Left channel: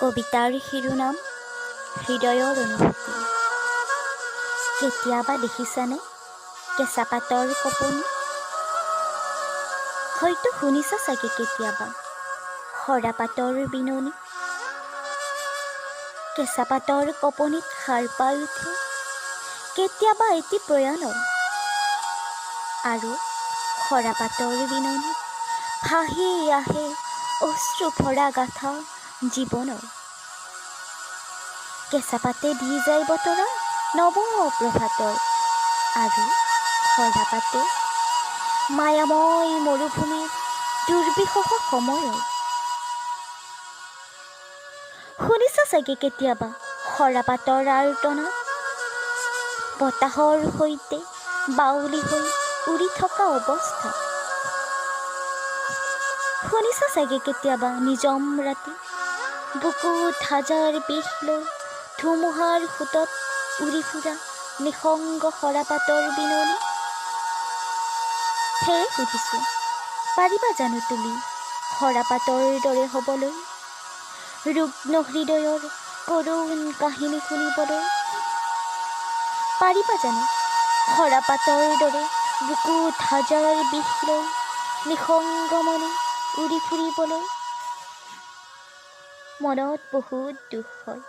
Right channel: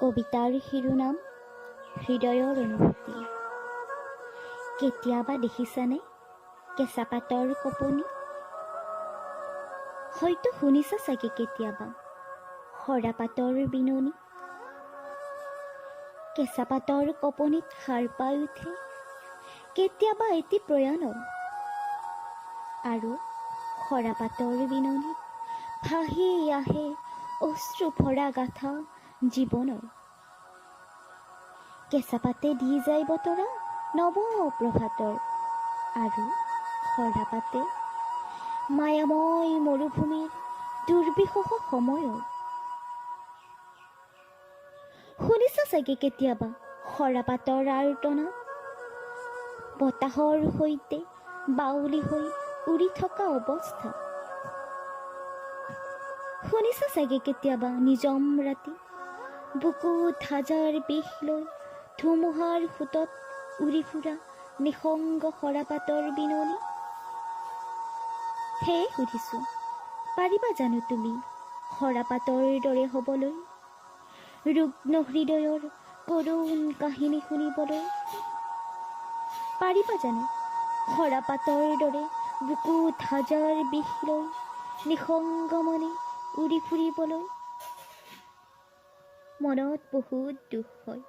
কবিতাৰ শিৰোনাম হৃদয়ৰ অনুভূতি। কেতিয়াবা দেখিছানে কেঁচা পাতৰ কপনি? হয়তো শুনিছা চাগে কেতিয়াবা সৰা পাতৰ বিননি। কেঁচা পাতৰ কপনিত সাৰ পাই উঠে কেতিয়াবা এটি প্ৰয়াণৰ, আৰু সৰা পাতৰ বিননিত ভাহি আহে অশ্ৰু ভৰা গাথা জীৱনৰ। কেঁচা পাতে দি যায় বতৰা নৱ প্ৰভাতৰ, আৰু সৰা পাতে মায়াময় মৰুভূমিৰ দুৰ্বিষহ সময়ৰ। শুনিছা চাগে কেতিয়াবা সৰা পাতৰ আৰ্তনা, বতাহৰ সৈতে বাউলি হৈ উৰি থকা অৱস্থা। শুনিছা চাগে কেতিয়াবা নিজম ৰাতি বুকুত হাজাৰ বিষ লৈ ধুমুহাৰ সোঁতত উৰি ফুৰা নিসংগ সৰা পাতৰ বিননি। সেয়ে সুধিছোঁ, পাৰিবা জানো তুমি সৰা পাতৰ দৰে হ'বলৈ, ৰুগ্ন হৃদয়ৰ কৰুণ কাহিনী শুনিবলৈ? পাৰিবা জানো সৰা পাতৰ দৰে বুকুত হাজাৰ বিষ লৈ নিসংগ মনে উৰি ফুৰিবলৈ? মনত বহুত দুখ হয়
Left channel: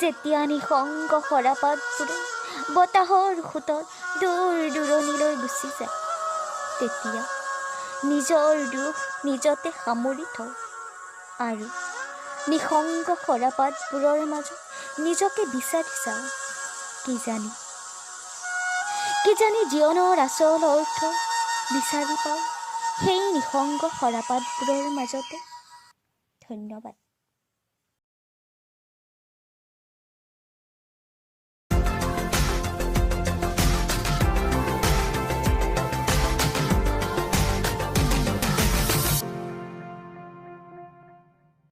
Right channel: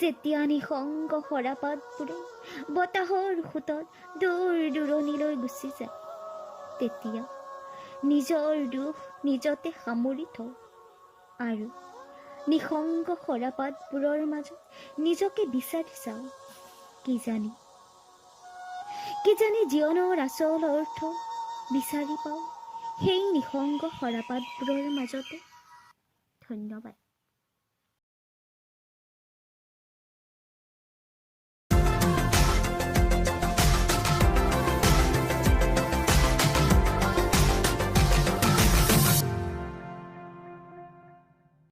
যেতিয়া নিসংগ সৰা পাতবোৰে বতাহৰ সোঁতত দূৰ দূৰণিলৈ গুচি যায়। তেতিয়া নিজৰ দুখ নিজতে সামৰি থওঁ আৰু নিসংগ সৰা পাতবোৰৰ মাজত নিজকে বিচাৰি চাওঁ। কিজানি জীৱনৰ আচল অৰ্থ বিচাৰি পাওঁ সেই নিসংগ সৰা পাতবোৰৰ মাজতে। ধন্যবাদ।